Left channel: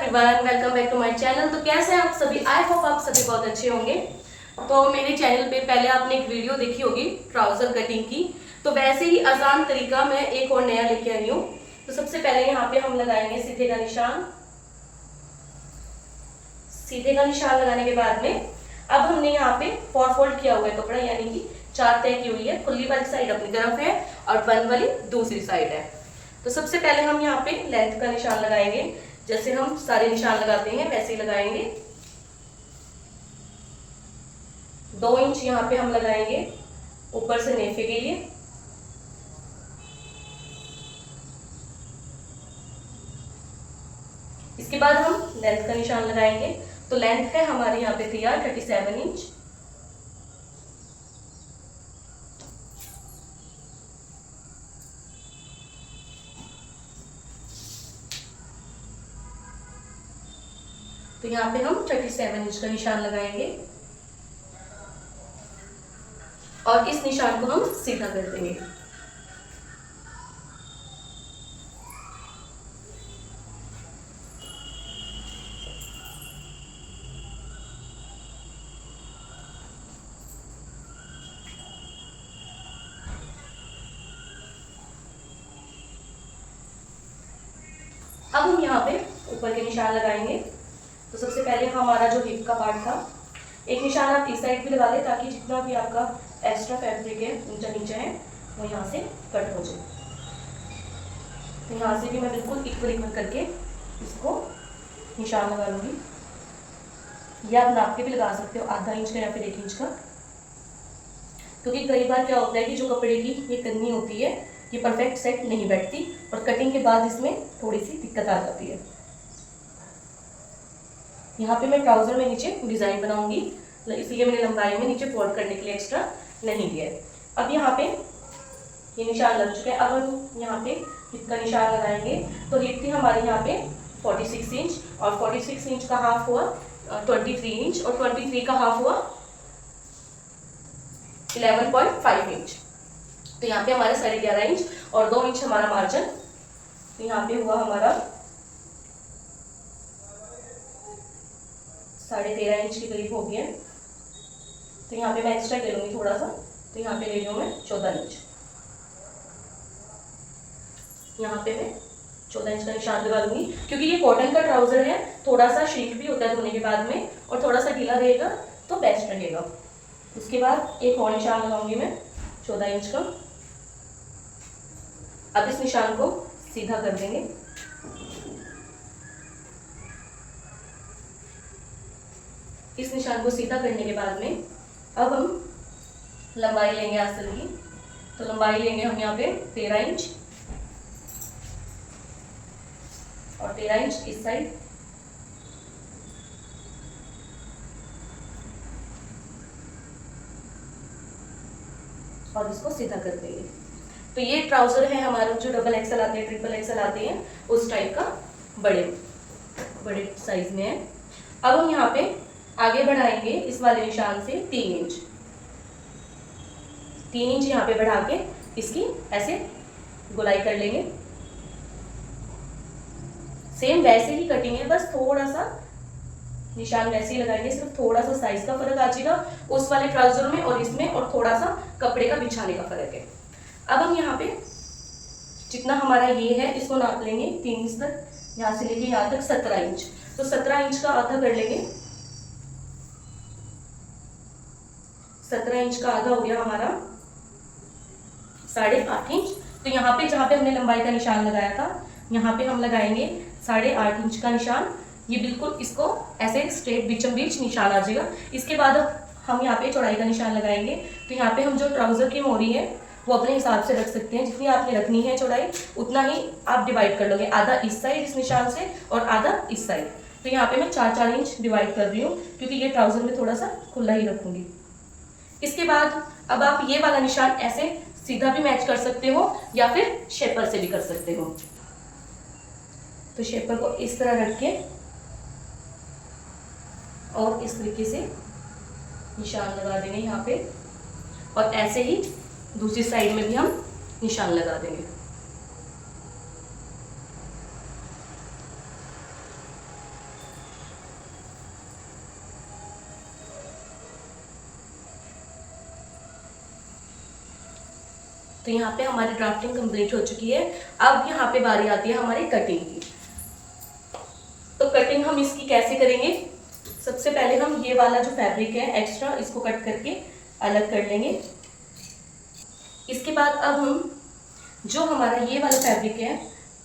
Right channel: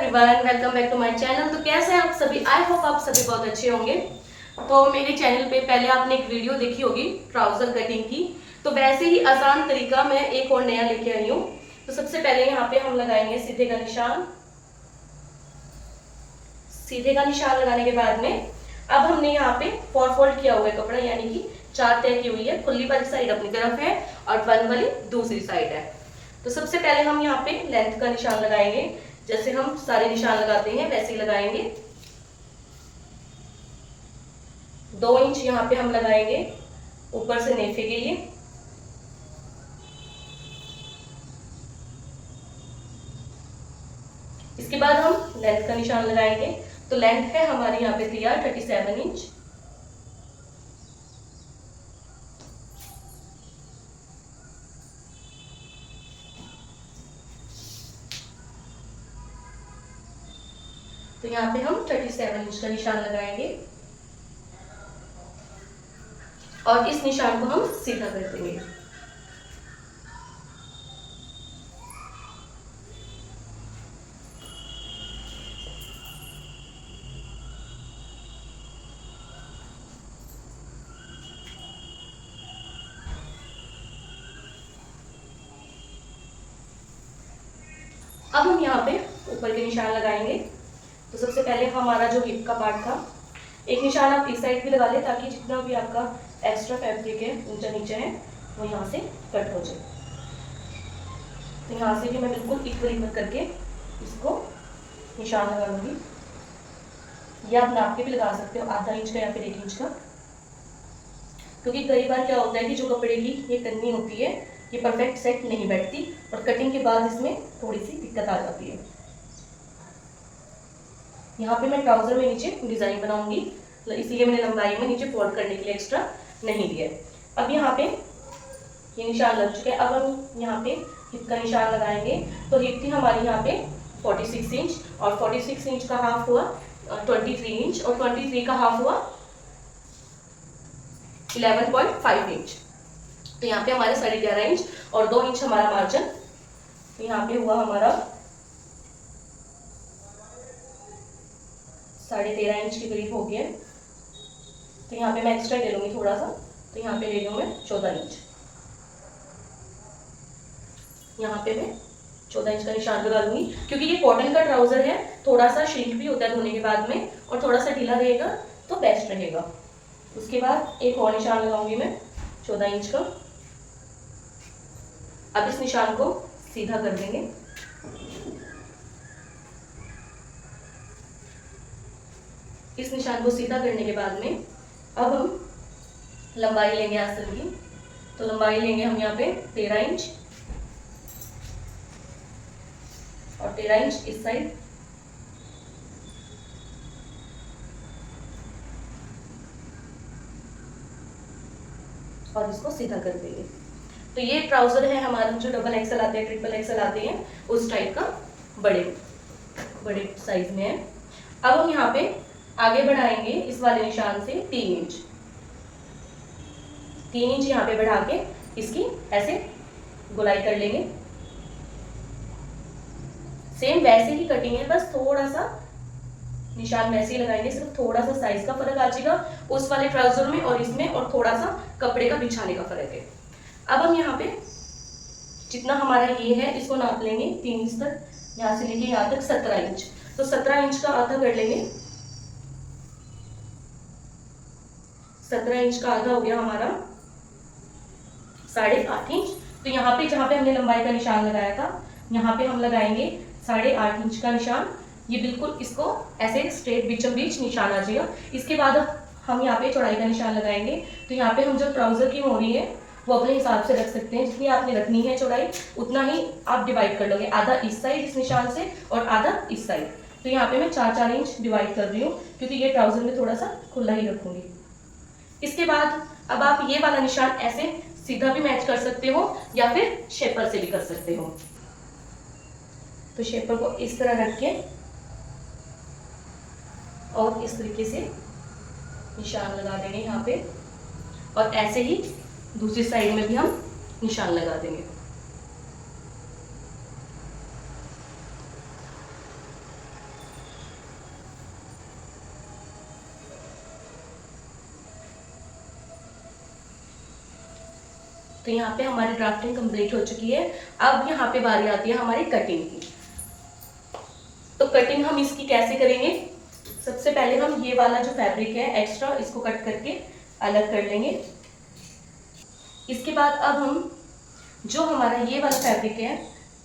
Everyone, welcome back to my channel. तो कैसे हैं आप सभी? आई होप आप सभी बहुत अच्छे होंगे। तो मेरे चैनल पे पहले आपने एक वीडियो देखी होगी ट्राउजर कटिंग की, तो वैसे ही आसान तरीका मैं एक और नया लेके आई हूँ। तो सबसे पहले यहाँ पे हम लगाएंगे सीधे का निशान। सीधे का निशान लगाने के बाद में अब हमने यहाँ पे 4 फोल्ड किया हुआ है कपड़ा, यानी कि 4 तय की हुई है। खुली वाली साइड अपनी तरफ है और बंद वाली दूसरी साइड है। तो सबसे पहले हम यहाँ पे लेंथ का निशान लगाएंगे, जैसे हम सारे निशान लगाते हैं वैसे ही लगाएंगे। 2 इंच यहाँ पे हम लगाएंगे ऊपर से नेफे के लिए। इसके बाद हम लेंथ का निशान लगाएंगे। तो लेंथ है हमारे यहाँ पे तैयार 37 इंच। तो यहाँ पे हम 37 इंच का निशान लगाएंगे और इस निशान को हम सीधा कर देंगे। अब हम यहाँ पे ऊपर के निशान लगाएंगे। तो सबसे पहले हमारा जो हिप का पार्ट था, एक निशान आप इस साइड भी लगा ले ताकि जितना भी आपका एक्स्ट्रा फैब्रिक है ऊंचा नीचे है वो यहाँ से कट हो जाए। तो यहाँ से भी मैं बिल्कुल इक्वल करके इसको निशान लगा लूँगी। या आप नाप के भी लगा सकते हो, आधा इंच का या फिर 1 इंच का, क्योंकि कई बार क्या होता है कि जो कपड़े की ये कन्नी होती है ये परफेक्ट सेट नहीं बैठती और कटिंग के बाद इसमें थोड़ी सी दिक्कत आ जाती है। यहाँ पे मैं ट्राउजर में नीचे डिजाइन बनाऊंगी, इसलिए मैंने लंबाई में नीचे फोल्ड करने के लिए एक्स्ट्रा नहीं दिया है। अब यहाँ पे ये निशान लग चुके हैं। अब हम यहाँ पे हिप का निशान लगाएंगे। तो हिप थी हमारे यहाँ पे 46 इंच और 46 इंच का हाफ हुआ 23 इंच और 23 का हाफ हुआ 11.5 इंच। तो यहाँ पे हमारे 11.5 इंच और 2 इंच हमारा मार्जिन। तो यहाँ पे हुआ हमारा 13.5 इंच के करीब हो गया। तो यहाँ पे मैं एक्स्ट्रा ले लूँगी थोड़ा सा, तो यहाँ पे ले लूँ मैं 14 इंच। यहाँ पे मैं 14 इंच का निशान लगा लूँगी, क्योंकि ये कॉटन का ट्राउजर है, थोड़ा सा श्रिंक भी होता है धोने के बाद में और थोड़ा सा ढीला रहेगा तो बेस्ट रहेगा। उसके बाद एक और निशान लगाऊंगी मैं 14 इंच का। अब इस निशान को सीधा कर देंगे। इस निशान को सीधा करने के बाद में अब हम लंबाई लेंगे आस्तीन की। तो लंबाई लेंगे हम यहाँ पे 13 इंच और 13 इंच इस साइड। और इसको सीधा कर देंगे। तो ये ट्राउजर है हमारा जो डबल एक्सल आते हैं, ट्रिपल एक्सल आते हैं, उस टाइप का बड़े साइज में है। अब हम यहाँ पे आगे बढ़ाएंगे इस वाले निशान से 3 इंच। 3 इंच यहाँ पे बढ़ा के इसकी ऐसे गोलाई कर लेंगे। सेम वैसे ही कटिंग है, बस थोड़ा सा निशान वैसे ही लगाएंगे, सिर्फ थोड़ा सा साइज का फर्क आ जाएगा उस वाले ट्राउजर में और इसमें, और थोड़ा सा कपड़े का बिछाने का फर्क है। अब हम यहाँ पे जितना हमारा ये है इसको नाप लेंगे 3 इंच तक, यहाँ से लेके यहाँ तक 17 इंच। तो 17 इंच का आधा कर लेंगे। 17 इंच का आधा हो गया हमारा 8.5 इंच। तो यहाँ पे जहाँ पे हमने लंबाई का निशान लगाया था, यहाँ पे हम लगाएंगे 8.5 इंच का निशान। ये बिल्कुल इसको ऐसे स्ट्रेट बीचों बीच निशान आ जाएगा। इसके बाद हम यहाँ पे चौड़ाई का निशान लगाएंगे। तो यहाँ पे हम जो ट्राउजर की मोरी है वो अपने हिसाब से रख सकते हैं, जितनी आपने रखनी है चौड़ाई उतना ही आप डिवाइड कर लोगे, आधा इस साइड इस निशान से और आधा इस साइड। तो यहाँ पे मैं 4-4 इंच डिवाइड कर रही हूँ, क्योंकि ये ट्राउजर में थोड़ा सा खुला ही रखूंगी। इसके बाद अब आप ये वाला निशान ऐसे सीधा भी मैच कर सकते हो या फिर शेपर से भी कर सकते हो। तो शेपर को इस तरह रख के और इस तरीके से निशान लगा देंगे यहाँ पे, और ऐसे ही दूसरी साइड में भी हम निशान लगा देंगे। तो यहाँ पे हमारी ड्राफ्टिंग कंप्लीट हो चुकी है। अब यहाँ पे बारी आती है हमारी कटिंग की। तो कटिंग हम इसकी कैसे करेंगे, सबसे पहले हम ये वाला जो फैब्रिक है एक्स्ट्रा, इसको कट करके अलग कर लेंगे। इसके बाद अब हम जो हमारा ये वाला फैब्रिक है,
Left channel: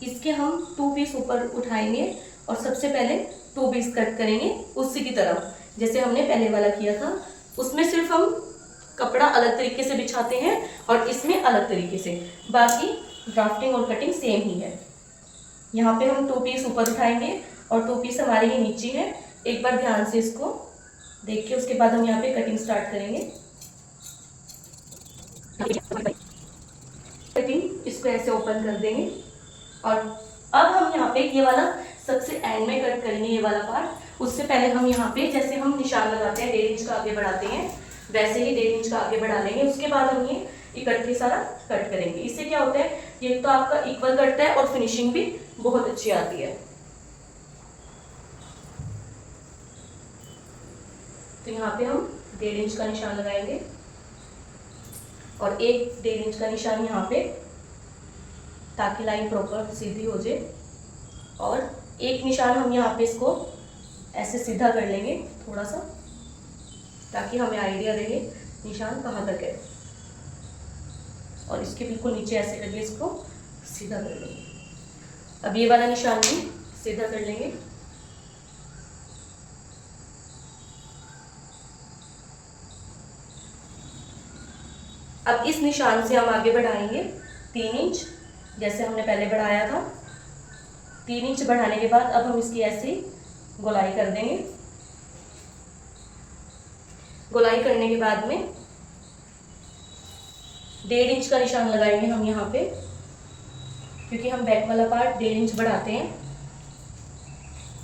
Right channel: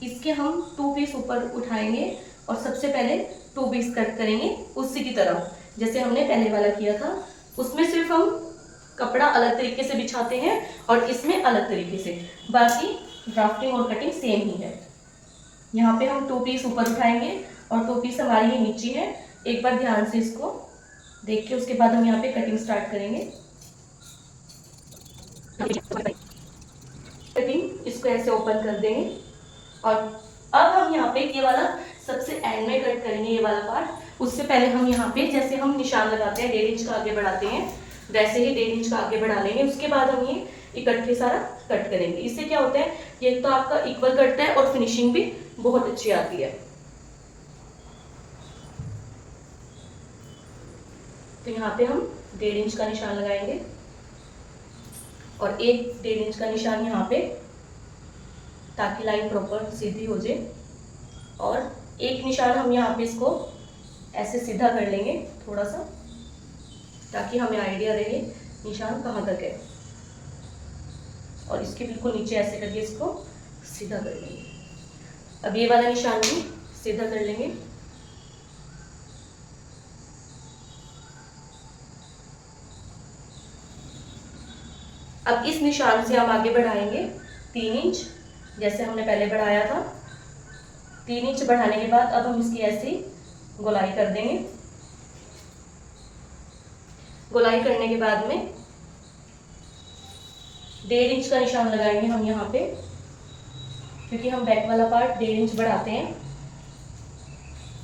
इसके हम 2 पीस ऊपर उठाएंगे और सबसे पहले 2 पीस कट करेंगे उसी की तरह जैसे हमने पहले वाला किया था। उसमें सिर्फ हम कपड़ा अलग तरीके से बिछाते हैं और इसमें अलग तरीके से, बाकी ड्राफ्टिंग और कटिंग सेम ही है। यहाँ पे हम 2 पीस ऊपर उठाएंगे और 2 पीस हमारे ही नीचे है। एक बार ध्यान से इसको देख के उसके बाद हम यहाँ पे कटिंग स्टार्ट करेंगे। कटिंग इसको ऐसे ओपन कर देंगे और अब हम यहाँ पे ये वाला सबसे एंड में कट करेंगे ये वाला पार्ट। उससे पहले हम यहाँ पे जैसे हम निशान लगाते हैं 1.5 इंच का आगे बढ़ाते हैं, वैसे ही 1.5 इंच का आगे बढ़ा लेंगे। उसके बाद हम ये इकट्ठे सारा कट करेंगे। इससे क्या होता है, ये तो आपका इक्वल कटता है और फिनिशिंग भी बहुत अच्छी आती है। तो यहाँ पे हम 1.5 इंच का निशान लगाएंगे और एक 1.5 इंच का निशान यहाँ पे, ताकि लाइन प्रॉपर सीधी हो जाए। और एक निशान हम यहाँ पे इसको ऐसे सीधा कर लेंगे थोड़ा सा, ताकि हमें आइडिया रहे निशान कहाँ तक है। और इसके बिल्कुल नीचे ऐसे करके इसको सीधा कर लेंगे। अब ये वाला निशान भी सीधा कर लेंगे। अब इस निशान से हम आगे बढ़ाएंगे 3 इंच, जैसे हमने पहले बढ़ाया था। 3 इंच बढ़ाने के बाद अब हम इसकी ऐसी गोलाई कर देंगे। गोलाई करने के बाद में 1.5 इंच का निशान लगाएंगे हम यहाँ पे, क्योंकि हम बैक वाला पार्ट 1.5 इंच बढ़ाते हैं।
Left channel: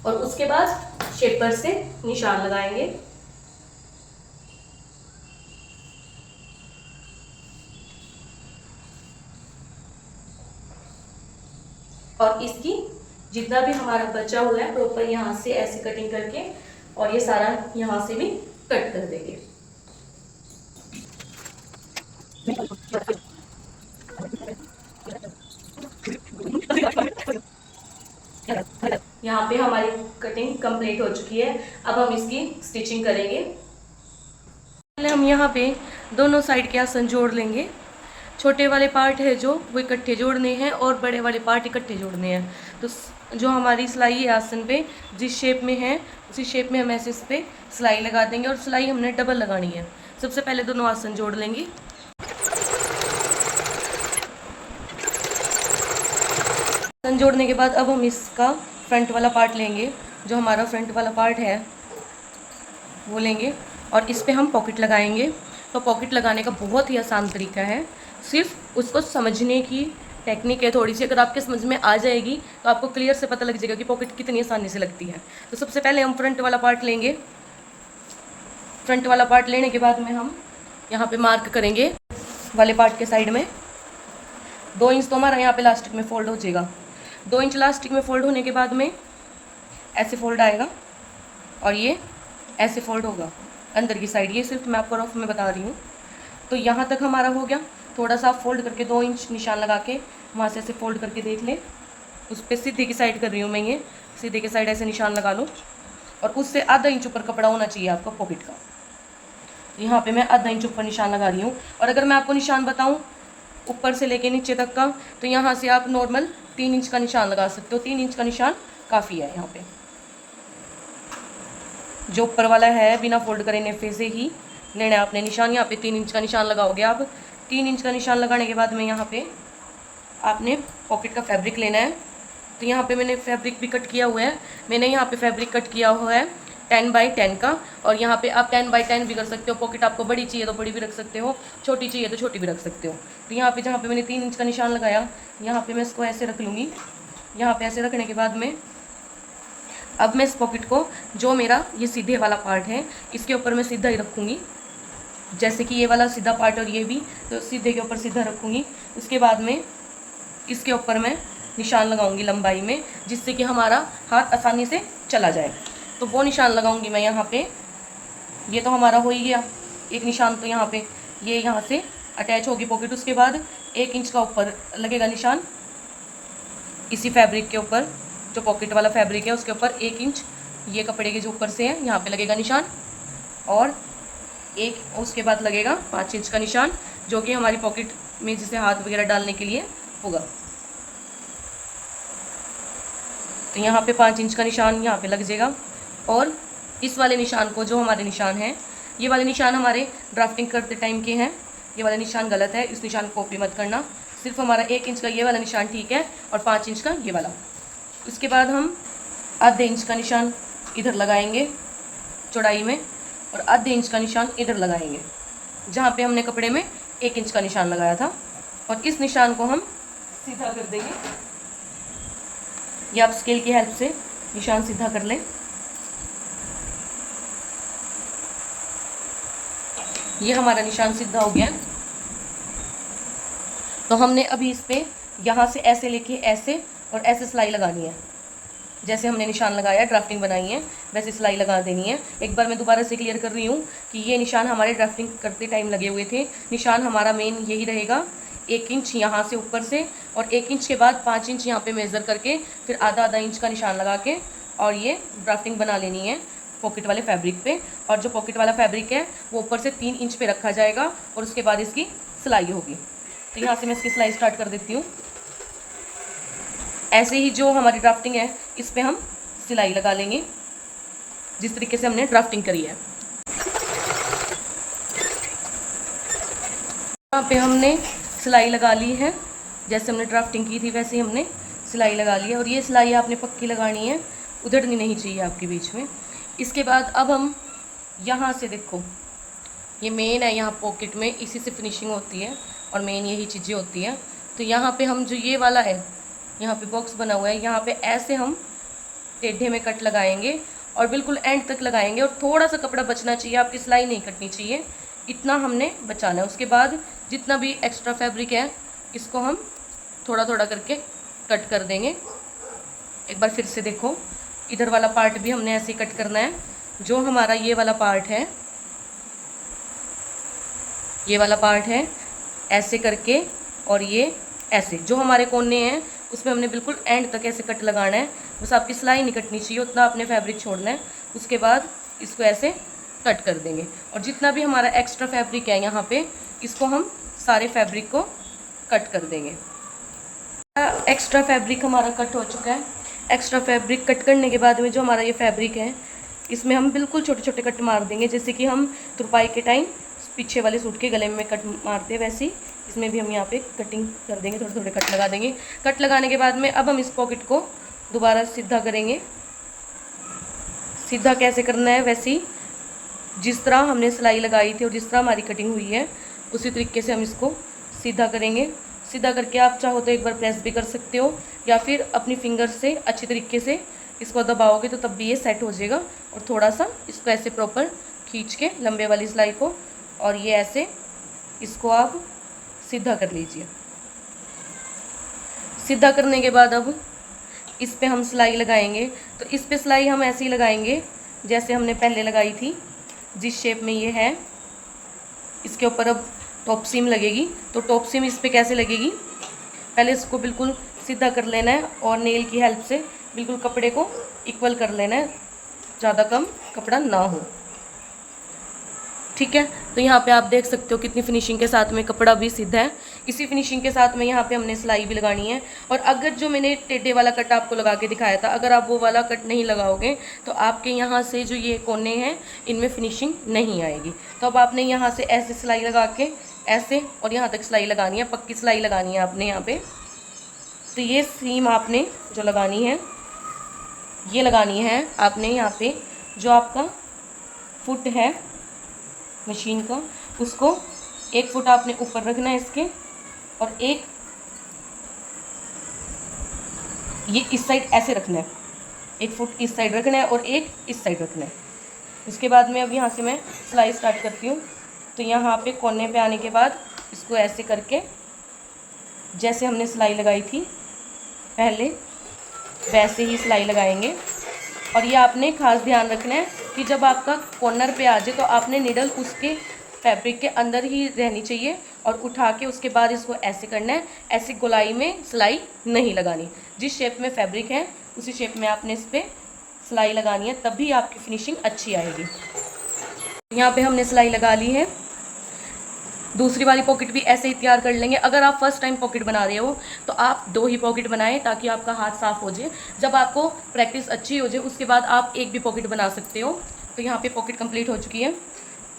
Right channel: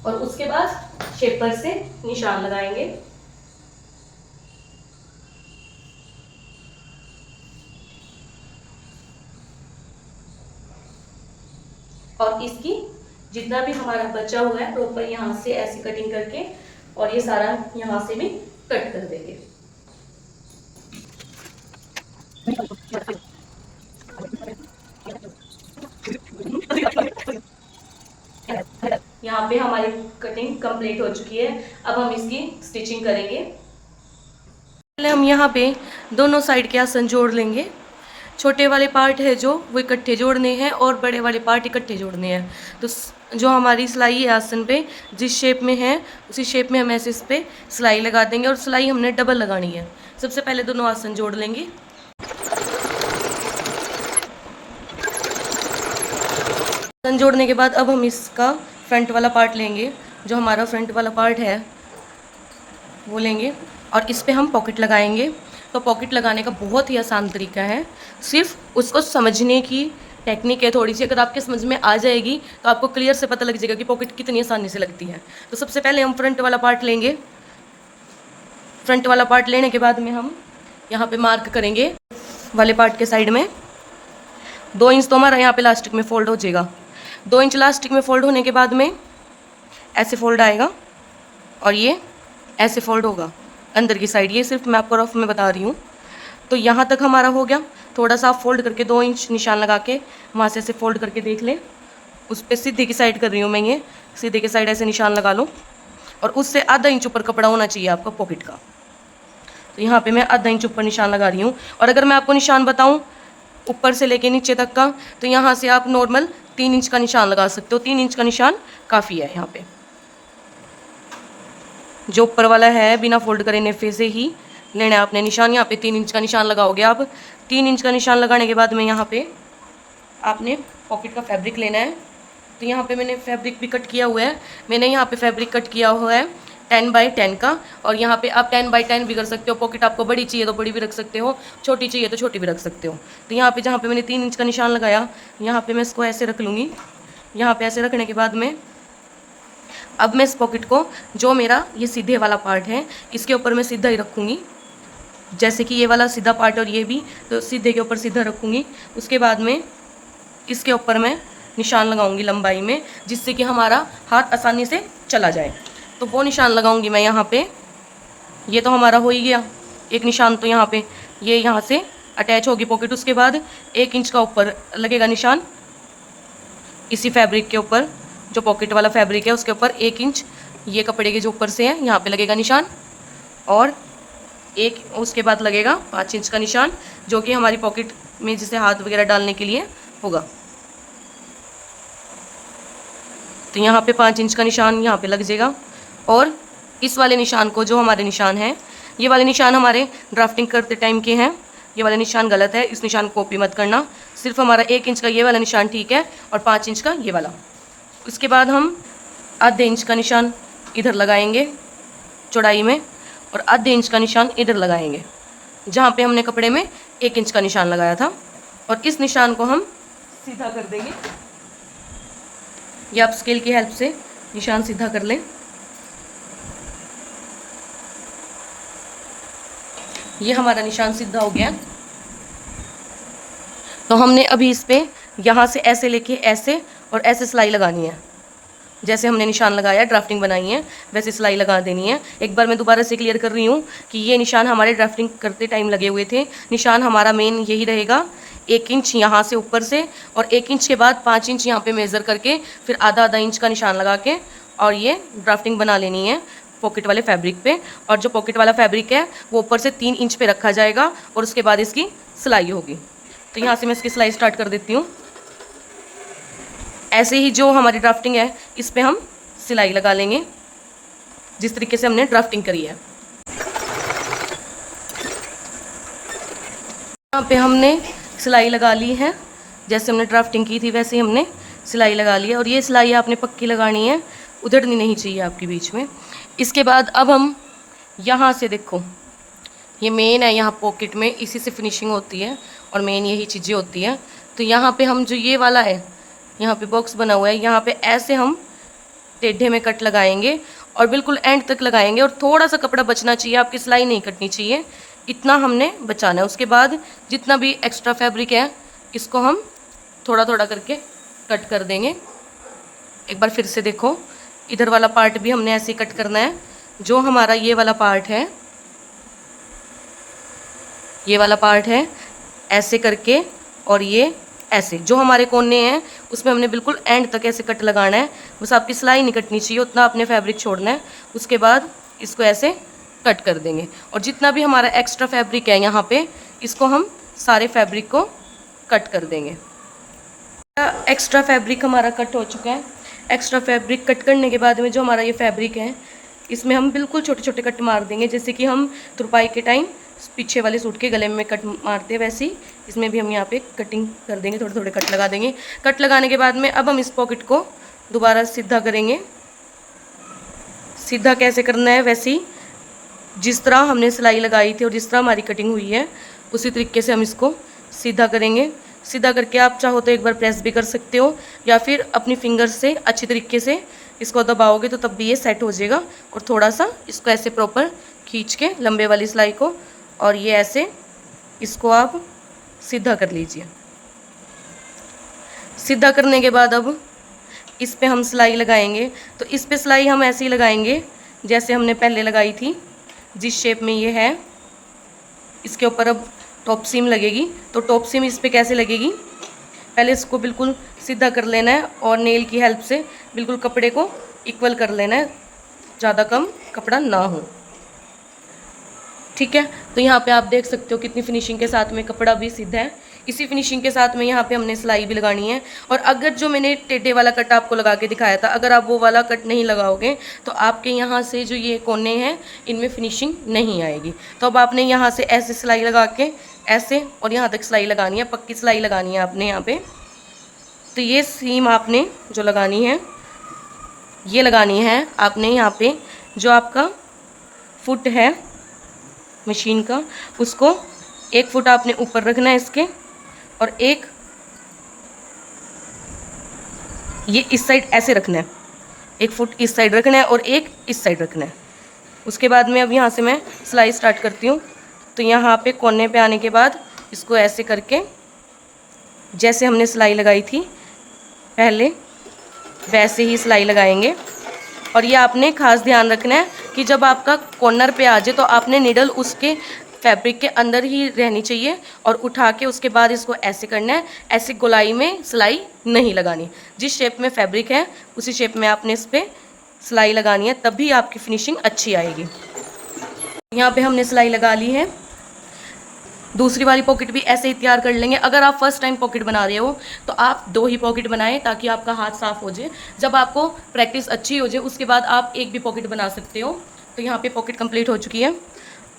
और उसके बाद शेपर से निशान लगाएंगे। और इसकी जितना भी हमारा बचा हुआ है प्रॉपर यहाँ से ऐसे कटिंग करके और ये सारा यहाँ से भी कट कर देंगे। यहाँ पे हमारी कटिंग कंप्लीट हो चुकी है। अब हम इसकी स्टिचिंग करेंगे। पहले हम यहाँ पे दोनों साइड के आसन जोड़ लेंगे। छोटे वाले पार्ट है जो वो इकट्ठे जोड़ने हैं और बड़े वाले पार्ट इकट्ठे जोड़ने हैं। तो जो हमारी सिलाई है आसन पे जिस शेप में है उसी शेप में हम ऐसे इस पे सिलाई लगा देंगे और सिलाई हमने डबल लगानी है। सबसे पहले दोनों आसन जोड़ लेंगे। आसन जोड़ने के बाद अब हम इसका फ्रंट वाला पार्ट लेंगे। जो हमारा फ्रंट वाला पार्ट है वो लेंगे और इस पे हम पॉकेट लगाएंगे। तो पॉकेट लगाने का बहुत ही आसान तरीका है, सिर्फ उसको समझने की टेक्निक है थोड़ी सी। अगर आपके समझ में आ जाएगी तो आपको क्लियर से पता लग जाएगा कि पॉकेट कितनी आसानी से लगती है। तो सबसे पहले हम फ्रंट वाला पार्ट लेंगे। फ्रंट वाला पार्ट लेने के बाद में हम यहाँ पे मार्क करेंगे वाले पार्ट के साइड में 2 इंच तो हमारा यहाँ पे लास्टिक में फोल्ड हो जाएगा। 2 इंच लास्टिक में फोल्ड होने के बाद में ऐसे फोल्ड आएगा और ये ऐसे फोल्ड होगा अंदर की साइड। ये सिर्फ मैं आपको रफ में बता रही हूँ। तो यहाँ तक हमारा हो गया। थोड़ा सा फोल्ड करके 2 इंच निशान लगा के वहाँ से ऐसे फोल्ड करके देख ले। उस पर सीधे की साइड कर रही हूँ मैं, ये सीधे की साइड ऐसे निशान लगा लो और उससे आधा इंच ऊपर कपड़ा होना चाहिए आपका पॉकेट का। तो यहाँ पे मैं आधा इंच ऊपर निशान लगा रही हूँ। और अगर मैं आपको निशान बताऊँ ऊपर से लेके नीचे तक का, तो यहाँ से आप नॉर्मल 3 इंच का निशान लगा सकते हो। 3 इंच का निशान काफ़ी है। यहाँ पे जो ऊपर वाला है बिना फोल्ड करे नेफे से ही लेना है आपने निशान। यहाँ पे 3 इंच का निशान लगाओगे आप। 3 इंच का निशान लगाने के बाद में यहाँ पे आपने पॉकेट का फैब्रिक लेना है। तो यहाँ पे मैंने फैब्रिक भी कट किया हुआ है। मैंने यहाँ पे फैब्रिक कट किया हुआ है 10 बाई 10 का। और यहाँ पे आप 10 बाई 10 भी कर सकते हो। पॉकेट आपको बड़ी चाहिए तो बड़ी भी रख सकते हो, छोटी चाहिए तो छोटी भी रख सकते हो। तो यहाँ पे जहाँ पे मैंने 3 इंच का निशान लगाया, यहाँ पे मैं इसको ऐसे रख लूँगी। यहाँ पे ऐसे रखने के बाद में अब मैं इस पॉकेट को, जो मेरा ये सीधे वाला पार्ट है, इसके ऊपर मैं सीधा ही रखूँगी। जैसे कि ये वाला सीधा पार्ट और ये भी, तो सीधे के ऊपर सीधा रखूँगी। उसके बाद में इसके ऊपर मैं निशान लगाऊंगी लंबाई में, जिससे कि हमारा हाथ आसानी से चला जाए। तो वो निशान लगाऊंगी मैं यहाँ पे। ये तो हमारा हो ही गया एक निशान। तो यहाँ पे ये यहाँ से अटैच होगी पॉकेट। उसके बाद 1 इंच का ऊपर लगेगा निशान, इसी फैब्रिक के ऊपर, जो पॉकेट वाला फैब्रिक है उसके ऊपर 1 इंच ये कपड़े के जो ऊपर से है यहाँ पे लगेगा निशान, और एक उसके बाद लगेगा 5 इंच का निशान, जो कि हमारी पॉकेट में जिसे हाथ वगैरह डालने के लिए होगा। तो यहाँ पे 5 इंच का निशान यहाँ पे लग जाएगा। और इस वाले निशान को, जो हमारे निशान हैं, ये वाले निशान हमारे ड्राफ्टिंग करते टाइम के हैं, ये वाला निशान गलत है, इस निशान को कॉपी मत करना। सिर्फ हमारा 1 इंच का ये वाला निशान ठीक है और 5 इंच का ये वाला। इसके बाद हम आधे इंच का निशान इधर लगाएंगे चौड़ाई में, और आधे इंच का निशान इधर लगाएंगे जहाँ पे हमने कपड़े में 1 इंच का निशान लगाया था, और इस निशान को हम सीधा कर देंगे। ये आप स्केल की हेल्प से निशान सीधा कर लें। ये हमारा निशान सीधा हो गया। तो हमने अभी इस पे यहाँ से ऐसे लेके ऐसे और ऐसे सिलाई लगानी है, जैसे हमने निशान लगाया, ड्राफ्टिंग बनाई है, वैसे सिलाई लगा देनी है। एक बार मैं दोबारा से क्लियर कर रही हूँ कि ये निशान हमारे ड्राफ्टिंग करते टाइम लगे हुए थे। निशान हमारा मेन यही रहेगा, 1 इंच यहाँ से ऊपर से, और 1 इंच के बाद 5 इंच यहाँ पे मेज़र करके फिर आधा इंच का निशान लगा के, और ये ड्राफ्टिंग बना लेनी है पॉकेट वाले फैब्रिक पे। और जो पॉकेट वाला फैब्रिक है वो ऊपर से 3 इंच पे रखा जाएगा, और उसके बाद इसकी सिलाई होगी। तो यहाँ से मैं इसकी सिलाई स्टार्ट कर देती हूँ। ऐसे ही जो हमारी ड्राफ्टिंग है इस पे हम सिलाई लगा लेंगे, जिस तरीके से हमने ड्राफ्टिंग करी है। यहाँ पे हमने सिलाई लगा ली है, जैसे हमने ड्राफ्टिंग की थी वैसे ही हमने सिलाई लगा ली है। और ये सिलाई आपने पक्की लगानी है, उधड़नी नहीं चाहिए आपके बीच में। इसके बाद अब हम यहाँ से देखो, ये मेन है, यहाँ पॉकेट में इसी से फिनिशिंग होती है और मेन यही चीज़ें होती हैं। तो यहाँ पे हम जो ये वाला है, यहाँ पे बॉक्स बना हुआ है, यहाँ पे ऐसे हम टेढ़े में कट लगाएंगे और बिल्कुल एंड तक लगाएंगे, और थोड़ा सा कपड़ा बचना चाहिए, आपकी सिलाई नहीं कटनी चाहिए, इतना हमने बचाना है। उसके बाद जितना भी एक्स्ट्रा फैब्रिक है इसको हम थोड़ा थोड़ा करके कट कर देंगे। एक बार फिर से देखो, इधर वाला पार्ट भी हमने ऐसे कट करना है। जो हमारा ये वाला पार्ट है, ये वाला पार्ट है ऐसे करके, और ये ऐसे जो हमारे कोने हैं उसमें हमने बिल्कुल एंड तक ऐसे कट लगाना है। बस आपकी सिलाई नहीं कटनी चाहिए, उतना आपने फैब्रिक छोड़ना है। उसके बाद इसको ऐसे कट कर देंगे, और जितना भी हमारा एक्स्ट्रा फैब्रिक है यहाँ पे, इसको हम सारे फैब्रिक को कट कर देंगे। एक्स्ट्रा फैब्रिक हमारा कट हो चुका है। एक्स्ट्रा फैब्रिक कट करने के बाद में जो हमारा ये फैब्रिक है, इसमें हम बिल्कुल छोटे छोटे कट मार देंगे, जैसे कि हम तुरपाई के टाइम पीछे वाले सूट के गले में कट मारते हैं, वैसे ही इसमें भी हम यहाँ पे कटिंग कर देंगे, थोड़े थोड़े कट लगा देंगे। कट लगाने के बाद में अब हम इस पॉकेट को दोबारा सीधा करेंगे। सीधा कैसे करना है, वैसे ही जिस तरह हमने सिलाई लगाई थी और जिस तरह हमारी कटिंग हुई है उसी तरीके से हम इसको सीधा करेंगे। सीधा करके आप चाहो तो एक बार प्रेस भी कर सकते हो, या फिर अपनी फिंगर से अच्छी तरीके से इसको दबाओगे तो तब भी ये सेट हो जाएगा। और थोड़ा सा इसको ऐसे प्रॉपर खींच के लंबे वाली सिलाई को, और ये ऐसे इसको आप सीधा कर लीजिए। सीधा करने के बाद अब इस पे हम सिलाई लगाएंगे। तो इस पे सिलाई हम ऐसे ही लगाएंगे जैसे हमने पहले लगाई थी, जिस शेप में ये है। इसके ऊपर अब टॉप सीम लगेगी। तो टॉप सीम इस पे कैसे लगेगी, पहले इसको बिल्कुल सीधा कर लेना है और नेल की हेल्प से बिल्कुल कपड़े को इक्वल कर लेना है, ज़्यादा कम कपड़ा ना हो। ठीक है, तो यहाँ पे आप देख सकते हो कितनी फिनिशिंग के साथ में कपड़ा भी सीधा है। इसी फिनिशिंग के साथ में यहाँ पे हमने सिलाई भी लगानी है। और अगर जो मैंने टेढ़े वाला कट आपको लगा के दिखाया था, अगर आप वो वाला कट नहीं लगाओगे तो आपके यहाँ से जो ये कोने हैं इनमें फिनिशिंग नहीं आएगी। तो अब आपने यहाँ से ऐसे सिलाई लगा के ऐसे और यहाँ तक सिलाई लगानी है, पक्की सिलाई लगानी है आपने यहाँ पे। तो ये सीम आपने जो लगानी है, ये लगानी है आपने यहाँ पे। जो आपका फुट है मशीन का, उसको 1 फुट आपने ऊपर रखना है इसके, और एक ये इस साइड ऐसे रखना है, 1 फुट इस साइड रखना है और एक इस साइड रखना है। उसके बाद में अब यहाँ से मैं सिलाई स्टार्ट करती हूँ। तो यहाँ पे कोने पे आने के बाद इसको ऐसे करके, जैसे हमने सिलाई लगाई थी पहले वैसे ही सिलाई लगाएंगे। और ये आपने खास ध्यान रखना है कि जब आपका कॉर्नर पे आ जाए तो आपने निडल उसके फैब्रिक के अंदर ही रहनी चाहिए और उठा के उसके बाद इसको ऐसे करना है। ऐसे गोलाई में सिलाई नहीं लगानी, जिस शेप में फैब्रिक है उसी शेप में आपने इस पर सिलाई लगानी है, तभी आपकी फिनिशिंग अच्छी आएगी। यहाँ पे हमने सिलाई लगा ली है। दूसरी वाली पॉकेट भी ऐसे ही तैयार कर लेंगे। अगर आप फर्स्ट टाइम पॉकेट बना रहे हो तो आप 2 ही पॉकेट बनाएं, ताकि आपका हाथ साफ हो जाए। जब आपको प्रैक्टिस अच्छी हो जाए उसके बाद आप एक भी पॉकेट बना सकते हो। तो यहाँ पे पॉकेट कंप्लीट हो चुकी है।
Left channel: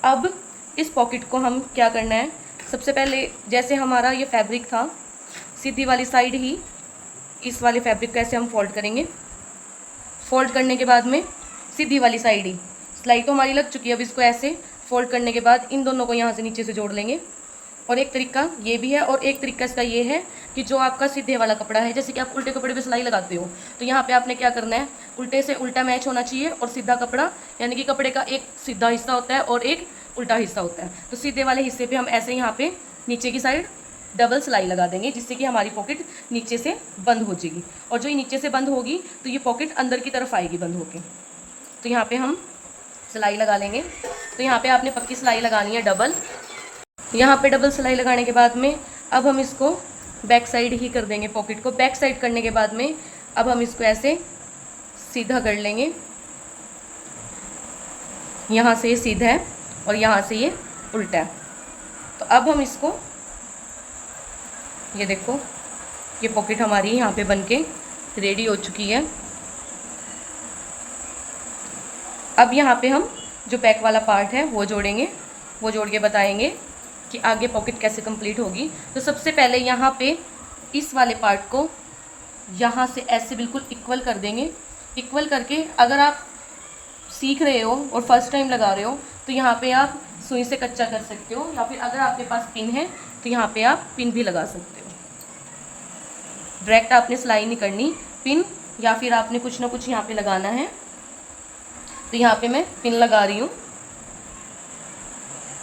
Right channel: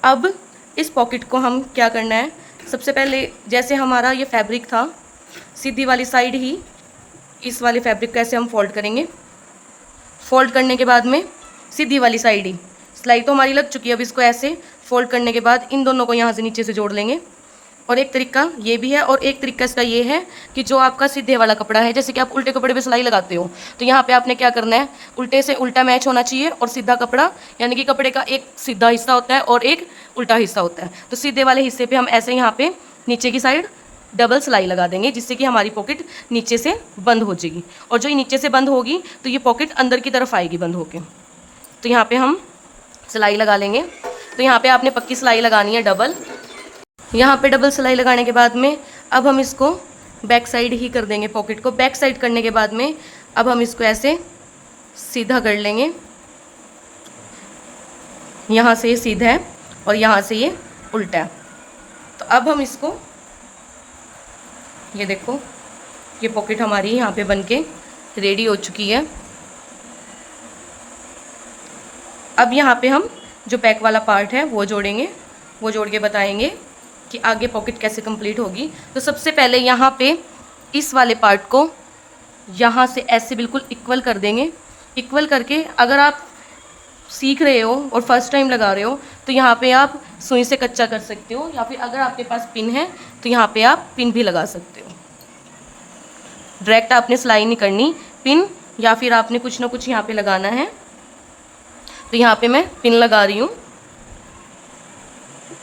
अब इस पॉकेट को हम क्या करना है, सबसे पहले जैसे हमारा ये फैब्रिक था, सीधी वाली साइड ही इस वाले फैब्रिक को ऐसे हम फोल्ड करेंगे। फोल्ड करने के बाद में सीधी वाली साइड ही सिलाई तो हमारी लग चुकी है। अब इसको ऐसे फोल्ड करने के बाद इन दोनों को यहाँ से नीचे से जोड़ लेंगे। और एक तरीका ये भी है और एक तरीका इसका ये है कि जो आपका सीधे वाला कपड़ा है, जैसे कि आप उल्टे कपड़े पे सिलाई लगाते हो, तो यहाँ पे आपने क्या करना है, उल्टे से उल्टा मैच होना चाहिए और सीधा कपड़ा, यानी कि कपड़े का एक सीधा हिस्सा होता है और एक उल्टा हिस्सा होता है। तो सीधे वाले हिस्से पर हम ऐसे यहाँ पे नीचे की साइड डबल सिलाई लगा देंगे, जिससे कि हमारी पॉकेट नीचे से बंद हो जाएगी। और जो ये नीचे से बंद होगी तो ये पॉकेट अंदर की तरफ आएगी बंद होके। तो यहाँ पे हम सिलाई लगा लेंगे। तो यहाँ पे आपने पक्की सिलाई लगानी है डबल। यहाँ पे डबल सिलाई लगाने के बाद में अब हम इसको बैक साइड ही कर देंगे। पॉकेट को बैक साइड करने के बाद में अब हम इसको ऐसे सीधा कर लेंगे। यहाँ से ये सीधा है और यहाँ से ये उल्टा है। तो अब हम इसको, ये देखो, ये पॉकेट हमारी यहाँ पे बनके रेडी हो चुकी है। अब यहाँ पे हम जो बैक वाला पार्ट है वो जोड़ेंगे, वो जोड़ के बताएंगे कि आगे पॉकेट कैसे कंप्लीट होगी। तो सबसे पहले यहाँ पे इस वाले पार्ट को यहाँ से ऐसे बिल्कुल इक्वल कर देंगे। इक्वल करके अगर आप सीख रहे हो और फर्स्ट टाइम लगा रहे हो तो यहाँ पे आप सुई से कच्चा कर सकते हो, या फिर अगर आपके पास पिन है तो यहाँ पे आप पिन भी लगा सकते हो। डायरेक्ट आपने सिलाई नहीं करनी, पिन या फिर आपने कुछ ना कुछ यहाँ पे लगाना है। तो यहाँ पे मैं पिन लगा रही हूँ।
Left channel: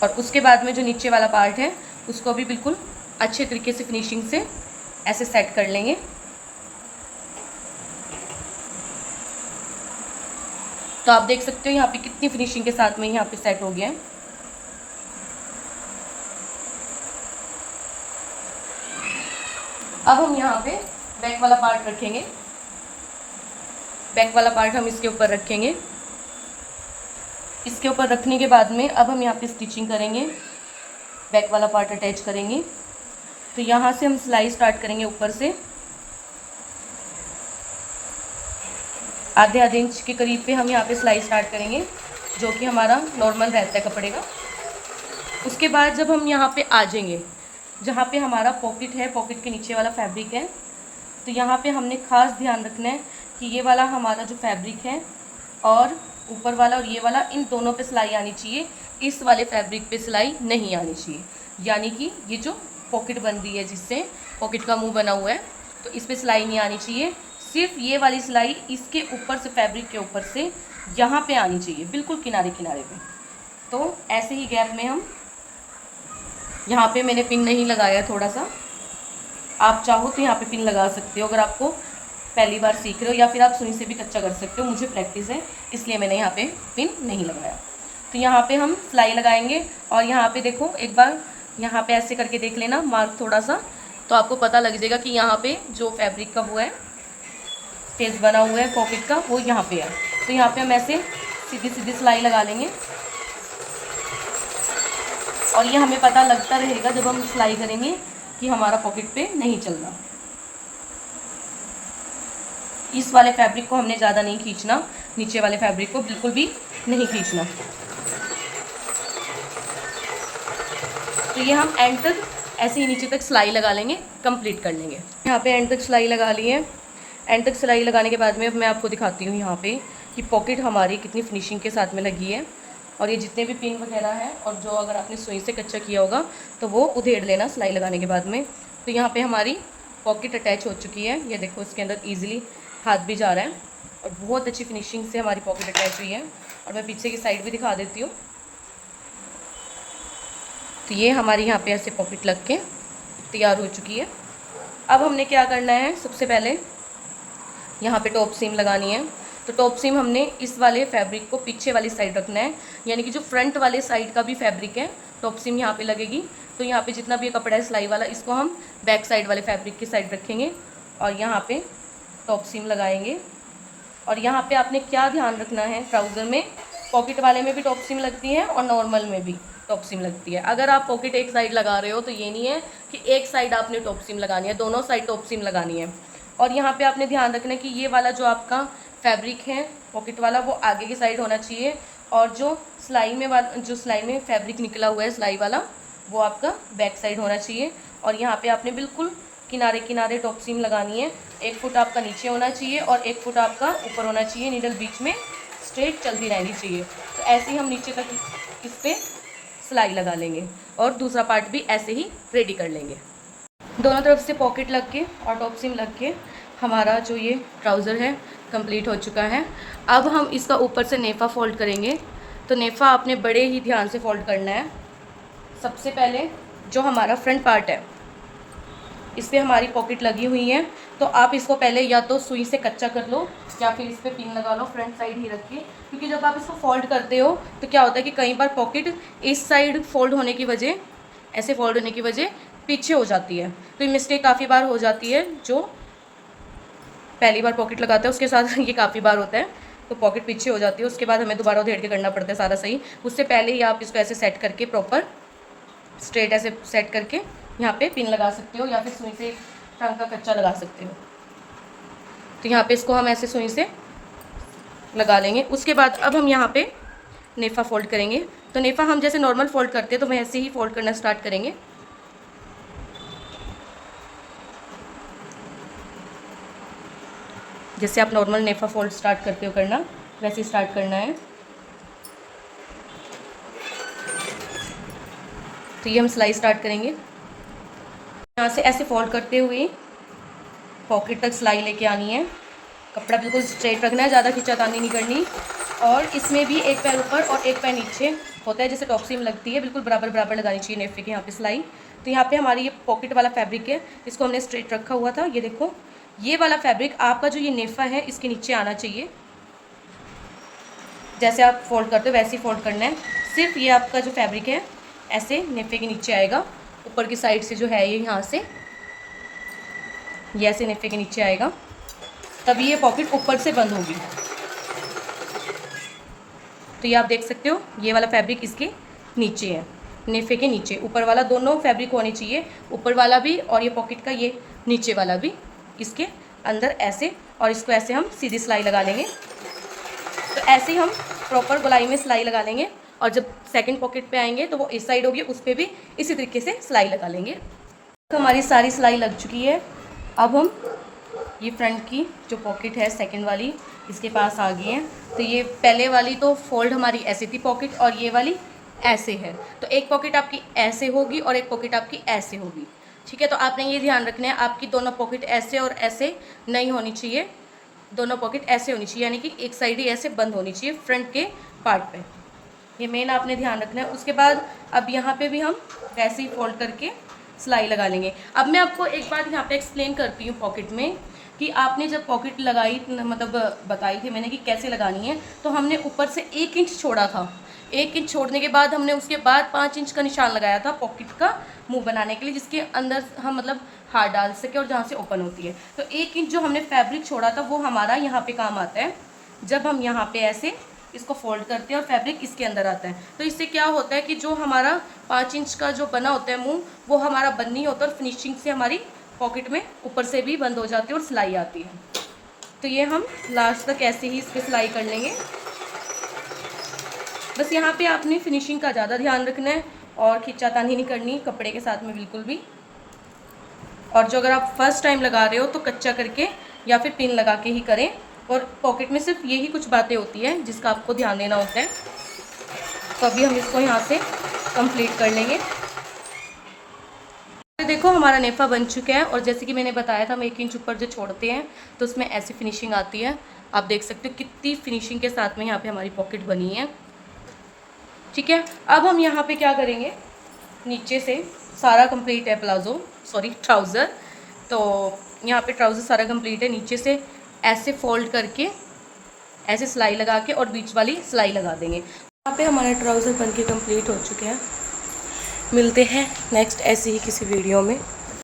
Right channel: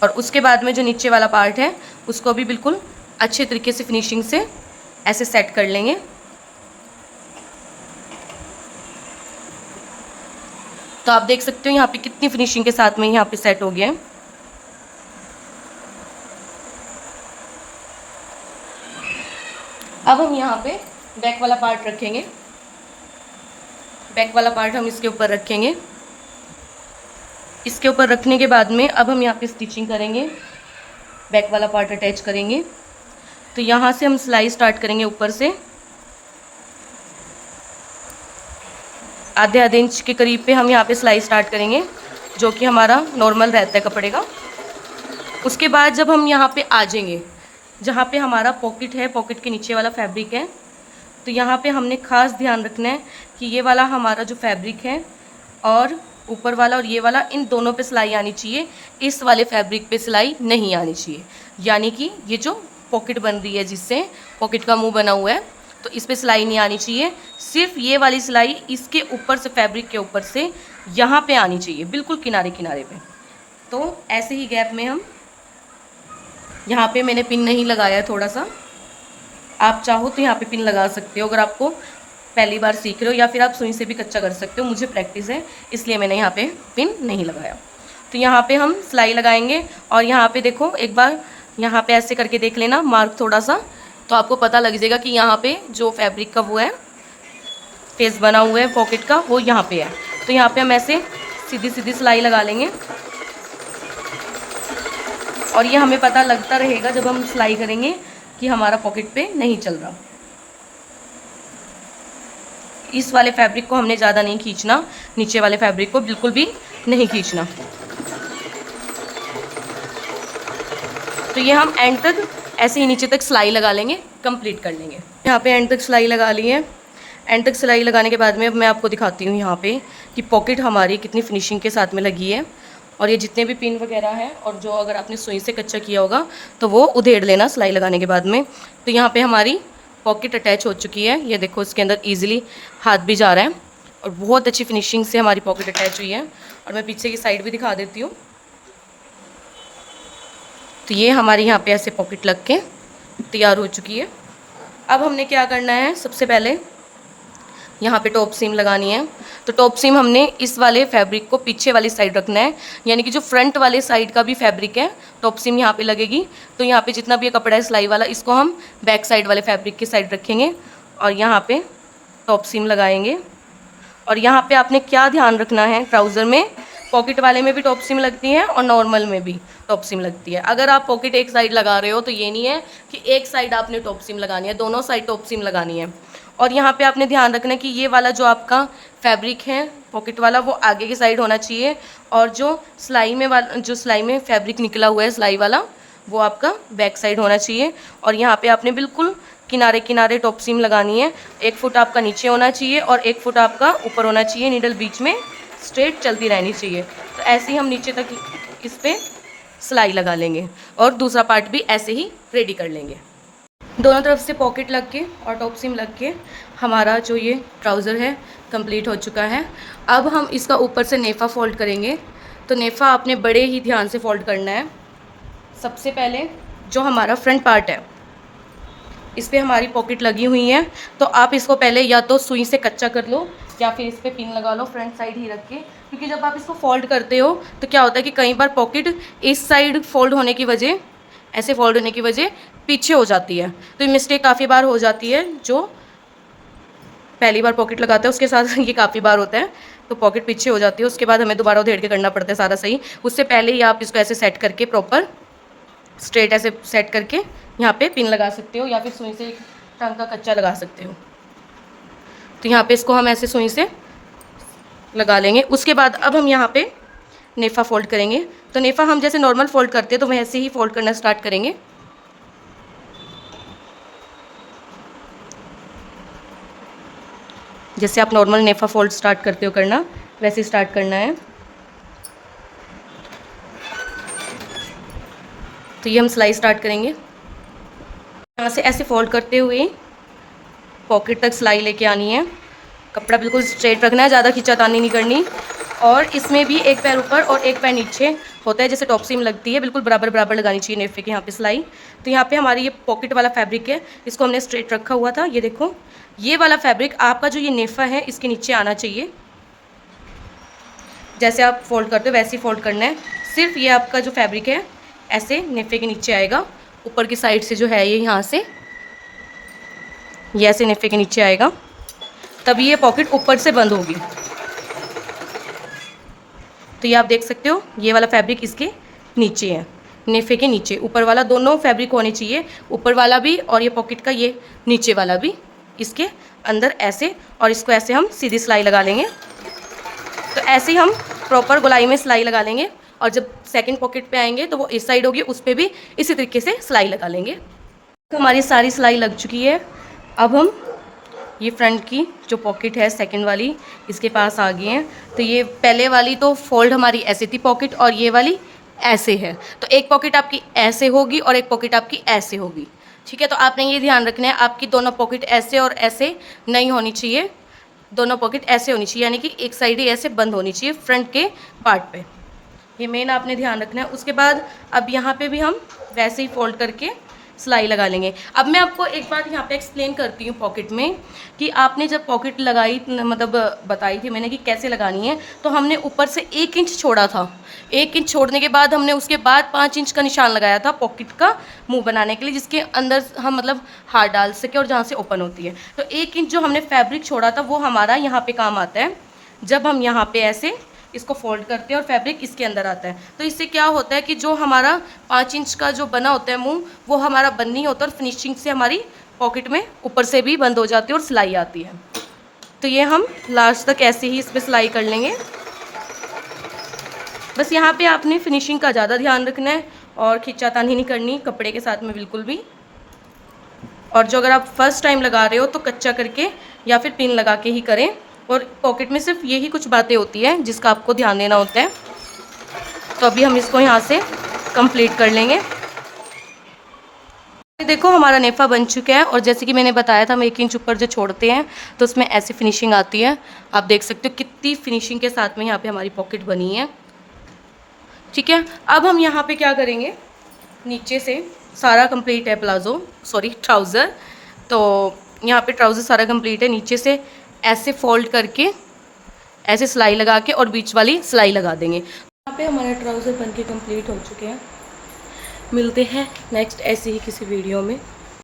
और उसके बाद में जो नीचे वाला पार्ट है उसको भी बिल्कुल अच्छे तरीके से फिनिशिंग से ऐसे सेट कर लेंगे। तो आप देख सकते हो यहाँ पे कितनी फिनिशिंग के साथ में यहाँ पे सेट हो गया है। अब हम यहाँ पे बैक वाला पार्ट रखेंगे। बैक वाला पार्ट हम इसके ऊपर रखेंगे। इसके ऊपर रखने के बाद में अब हम यहाँ पे स्टिचिंग करेंगे, बैक वाला पार्ट अटैच करेंगे। तो यहाँ से हम सिलाई स्टार्ट करेंगे ऊपर से, आधे इंच के करीब पे हम यहाँ पे सिलाई स्टार्ट करेंगे, जो कि हमारा नॉर्मल रहता है कपड़े का। उसके बाद जब हम यहाँ पे आ जाएंगे, जहाँ पे हमारा पॉकेट है, पॉकेट के नीचे वाला फैब्रिक है, तो यहाँ पे हमने ख़ास ध्यान रखना है कि ये वाला हमारा जो फैब्रिक है और ऊपर वाला और ये वाला, इन दोनों पे सिलाई आनी चाहिए। इस वाले फैब्रिक पे सिलाई नहीं आनी चाहिए। यानी कि ये जो पॉकेट बन रही है, जिससे पॉकेट का मुंह बना हुआ है, तो इस पे सिलाई नहीं आनी चाहिए। सिर्फ ये वाली सिलाई इसके ऊपर से, फैब्रिक के ऊपर से यहाँ पे आनी चाहिए, बिल्कुल किनारे किनारे पे। तो ऐसे ही गैप में हम, यहाँ पे मैंने पिन नहीं लगाया, थोड़ा सा, आप चाहो तो यहाँ पे पिन लगा सकते हो अगर आपको पहली बार सीख रहे हो, या फिर आप सुई से भी कच्चा कर सकते हो। मुझे प्रैक्टिस है इसलिए मैंने यहाँ पे पिन नहीं लगाया। तो यहाँ पे हम सिलाई लगाएंगे और यहाँ पे देखो, एक बार यहाँ पे ऐसे करके देख लेना मार्क थोड़ा सा, तो आपको पता लग जाएगा कि यहाँ पे जो फैब्रिक का वो है, पेज बना हुआ है पॉकेट का, वो यहाँ पे है। तो यहाँ पे हम ऐसे सीधी सीधी सिलाई लगा लेंगे और ये हमें पता लगता रहेगा जब हम सिलाई करेंगे कि हमारा पॉकेट पे नहीं चल रहा। इस वाले फैब्रिक को हमने ज़्यादा नहीं खींचना, नीचे वाले फैब्रिक को बिल्कुल भी नहीं खींचना। तो ये हम एंड तक ऐसे ही नीचे तक सिलाई लगा लेंगे, कंप्लीट कर लेंगे। यहाँ पे एंड तक सिलाई लगा ली है। एंड तक सिलाई लगाने के बाद में अब मैं आपको दिखाती हूँ यहाँ पे कि पॉकेट हमारी कितनी फिनिशिंग के साथ में लगी है। और ये जितने भी पिन वगैरह है, और जो अगर आपने सुई से कच्चा किया होगा तो वो उधेड़ लेना सिलाई लगाने के बाद में। तो यहाँ पे हमारी पॉकेट अटैच हो चुकी है। ये देखो, इसके अंदर ईजिली हाथ भी जा रहा है और बहुत अच्छी फिनिशिंग से हमारी पॉकेट अटैच हुई है। और मैं पीछे की साइड भी दिखा देती हूँ। तो ये हमारी यहाँ पे ऐसे पॉकेट लग के तैयार हो चुकी है। अब हमने क्या करना है, सबसे पहले यहाँ पे टॉप सीम लगानी है। तो टॉप सीम हमने इस वाले फैब्रिक को पीछे वाली साइड रखना है, यानी कि जो फ्रंट वाले साइड का भी फैब्रिक है टॉप सीम यहाँ पे लगेगी। तो यहाँ पे जितना भी ये कपड़ा है सिलाई वाला, इसको हम बैक साइड वाले फैब्रिक की साइड रखेंगे और यहाँ पे टॉप सीम लगाएंगे। और यहाँ पे आपने क्या ध्यान रखना है, ट्राउज़र में पॉकेट वाले में भी टॉप सीम लगती है और नॉर्मल में भी टॉप सीम लगती है। अगर आप पॉकेट एक साइड लगा रहे हो तो ये नहीं है कि एक साइड आपने टॉप सीम लगानी है, दोनों साइड टॉप सीम लगानी है। और यहाँ पे आपने ध्यान रखना है कि ये वाला जो आपका फैब्रिक है पॉकेट वाला, वो आगे की साइड होना चाहिए, और जो सिलाई में फैब्रिक निकला हुआ है सिलाई वाला, वो आपका बैक साइड होना चाहिए। और यहाँ पे आपने बिल्कुल किनारे किनारे टॉप सीम लगानी है। 1 फुट आपका नीचे होना चाहिए और 1 फुट आपका ऊपर होना चाहिए। नीडल बीच में स्ट्रेट चलती रहनी चाहिए। तो ऐसे ही हम नीचे तक इस पर सिलाई लगा लेंगे और दूसरा पार्ट भी ऐसे ही रेडी कर लेंगे। दोनों तरफ से पॉकेट लग के और टॉप सीम लग के हमारा जो ये ट्राउज़र है कंप्लीट हो चुका है। अब हम इसका ऊपर से नेफ़ा फोल्ड करेंगे। तो नेफ़ा आपने बड़े ही ध्यान से फोल्ड करना है। सबसे पहले जो हमारा फ्रंट पार्ट है, इस पर हमारी पॉकेट लगी हुई है, तो आप इसको पहले या तो सुई से कच्चा कर लो या फिर इस पर पिन लगा लो फ्रंट साइड ही रख के। क्योंकि जब आप इसको फोल्ड करते हो तो क्या होता है कि कई बार पॉकेट इस साइड फोल्ड होने की वजह, ऐसे फोल्ड होने की वजह पीछे हो जाती है। तो ये मिस्टेक काफ़ी बार हो जाती है। जो पहली बार पॉकेट लगाता है उसके साथ ये काफ़ी बार होता है, तो पॉकेट पीछे हो जाती है। उसके बाद हमें दोबारा उधेड़ के करना पड़ता है सारा सही। उससे पहले ही आप इसको ऐसे सेट करके प्रॉपर स्ट्रेट ऐसे सेट करके यहाँ पे पिन लगा सकते हो या फिर सुई से टंग का कच्चा लगा सकते हो। तो यहाँ पे इसको हम ऐसे सुई से लगा लेंगे। उसके बाद अब हम यहाँ पे नेफ़ा फोल्ड करेंगे। तो नेफ़ा हम जैसे नॉर्मल फोल्ड करते हैं तो वैसे ही फोल्ड करना स्टार्ट करेंगे। जैसे आप नॉर्मल नेफ़ा फोल्ड स्टार्ट करते हो करना, वैसे स्टार्ट करना है। तो ये हम सिलाई स्टार्ट करेंगे। यहाँ से ऐसे फोल्ड करते हुए पॉकेट तक सिलाई लेके आनी है। कपड़ा बिल्कुल स्ट्रेट रखना है, ज़्यादा खींचातानी नहीं करनी। और इसमें भी एक पैर ऊपर और एक पैर नीचे होता है, जैसे टॉप सीम लगती है, बिल्कुल बराबर बराबर लगानी चाहिए नेफ़े के यहाँ पे सिलाई। तो यहाँ पे हमारी ये पॉकेट वाला फैब्रिक है, इसको हमने स्ट्रेट रखा हुआ था। ये देखो, ये वाला फैब्रिक आपका जो ये नेफ़ा है इसके नीचे आना चाहिए। जैसे आप फोल्ड करते हो वैसे ही फोल्ड करना है। सिर्फ ये आपका जो फैब्रिक है ऐसे नेफ़े के नीचे आएगा, ऊपर की साइड से जो है ये यहाँ से ये ऐसे नेफ़े के नीचे आएगा, तभी ये पॉकेट ऊपर से बंद होगी। तो ये आप देख सकते हो, ये वाला फैब्रिक इसके नीचे है, नेफ़े के नीचे। ऊपर वाला दोनों फैब्रिक होने चाहिए, ऊपर वाला भी और ये पॉकेट का ये नीचे वाला भी इसके अंदर ऐसे। और इसको ऐसे हम सीधी सिलाई लगा लेंगे। तो ऐसे ही हम प्रॉपर गोलाई में सिलाई लगा लेंगे। और जब सेकंड पॉकेट पे आएंगे तो वो इस साइड होगी, उस पर भी इसी तरीके से सिलाई लगा लेंगे। तो हमारी सारी सिलाई लग चुकी है। अब हम ये फ्रंट की जो पॉकेट है सेकंड वाली, इसके पास आ गए हैं। तो ये पहले वाली तो फोल्ड हमारी ऐसे थी पॉकेट, और ये वाली ऐसे है। तो एक पॉकेट आपकी ऐसे होगी और एक पॉकेट आपकी ऐसे होगी। ठीक है, तो आपने ये ध्यान रखना है, आपकी दोनों पॉकेट ऐसे और ऐसे नहीं होनी चाहिए, दोनों पॉकेट ऐसे होनी चाहिए, यानी कि एक साइड ही ऐसे बंद होनी चाहिए फ्रंट के पार्ट पे। ये मेन आपने ध्यान रखना है। उसके बाद अब यहाँ पे भी हम वैसे ही फोल्ड करके सिलाई लगा लेंगे। अब मैं आपको एक बात यहाँ पे एक्सप्लेन करती हूँ पॉकेट में, कि आपने जब पॉकेट लगाई, मतलब बताई थी मैंने कि कैसे लगानी है, तो हमने ऊपर से 1 इंच छोड़ा था। 1 इंच छोड़ने के बाद हमने उसके बाद 5 इंच का निशान लगाया था पॉकेट का मुंह बनाने के लिए, जिसके अंदर हम मतलब हाथ डाल सके और जहाँ से ओपन होती है। तो 1 इंच जो हमने फैब्रिक छोड़ा था वो हमारा यहाँ पे काम आता है, जब हम यहाँ पे ऐसे इसको फोल्ड करते हैं और फैब्रिक इसके अंदर आता है। तो इससे क्या होता है कि जो हमारा 5 इंच का जो बना होता है मुंह, वो हमारा बंद नहीं होता और फिनिशिंग से हमारी पॉकेट में ऊपर से भी बंद हो जाती है और सिलाई आती है। तो ये हम लास्ट तक ऐसे ही इस पर सिलाई कर लेंगे। बस यहाँ पे आपने फिनिशिंग का ज़्यादा ध्यान रखना है और खिंचातानी नहीं करनी कपड़े के साथ में बिल्कुल भी। और जो अगर आप फर्स्ट टाइम लगा रहे हो तो कच्चा करके या फिर पिन लगा के ही करें। और पॉकेट में सिर्फ यही कुछ बातें होती है जिसका आपको ध्यान देना होता है। तो अभी हम इसको यहाँ से कंप्लीट कर लेंगे। देखो हमारा नेफा बन चुका है, और जैसे कि मैंने बताया था हम 1 इंच ऊपर जो छोड़ते हैं तो उसमें ऐसी फिनिशिंग आती है। आप देख सकते हो कितनी फिनिशिंग के साथ में यहाँ पे हमारी पॉकेट बनी है। ठीक है, अब हम यहाँ पे क्या करेंगे, नीचे से सारा कंप्लीट है ट्राउज़र। तो यहाँ पे ट्राउज़र सारा कंप्लीट है, नीचे से ऐसे फोल्ड करके ऐसे सिलाई लगा के और बीच वाली सिलाई लगा देंगे। यहाँ पे हमारे ट्राउज़र बन के कंप्लीट हो चुके हैं। मिलते हैं नेक्स्ट ऐसी ही किसी वीडियो में।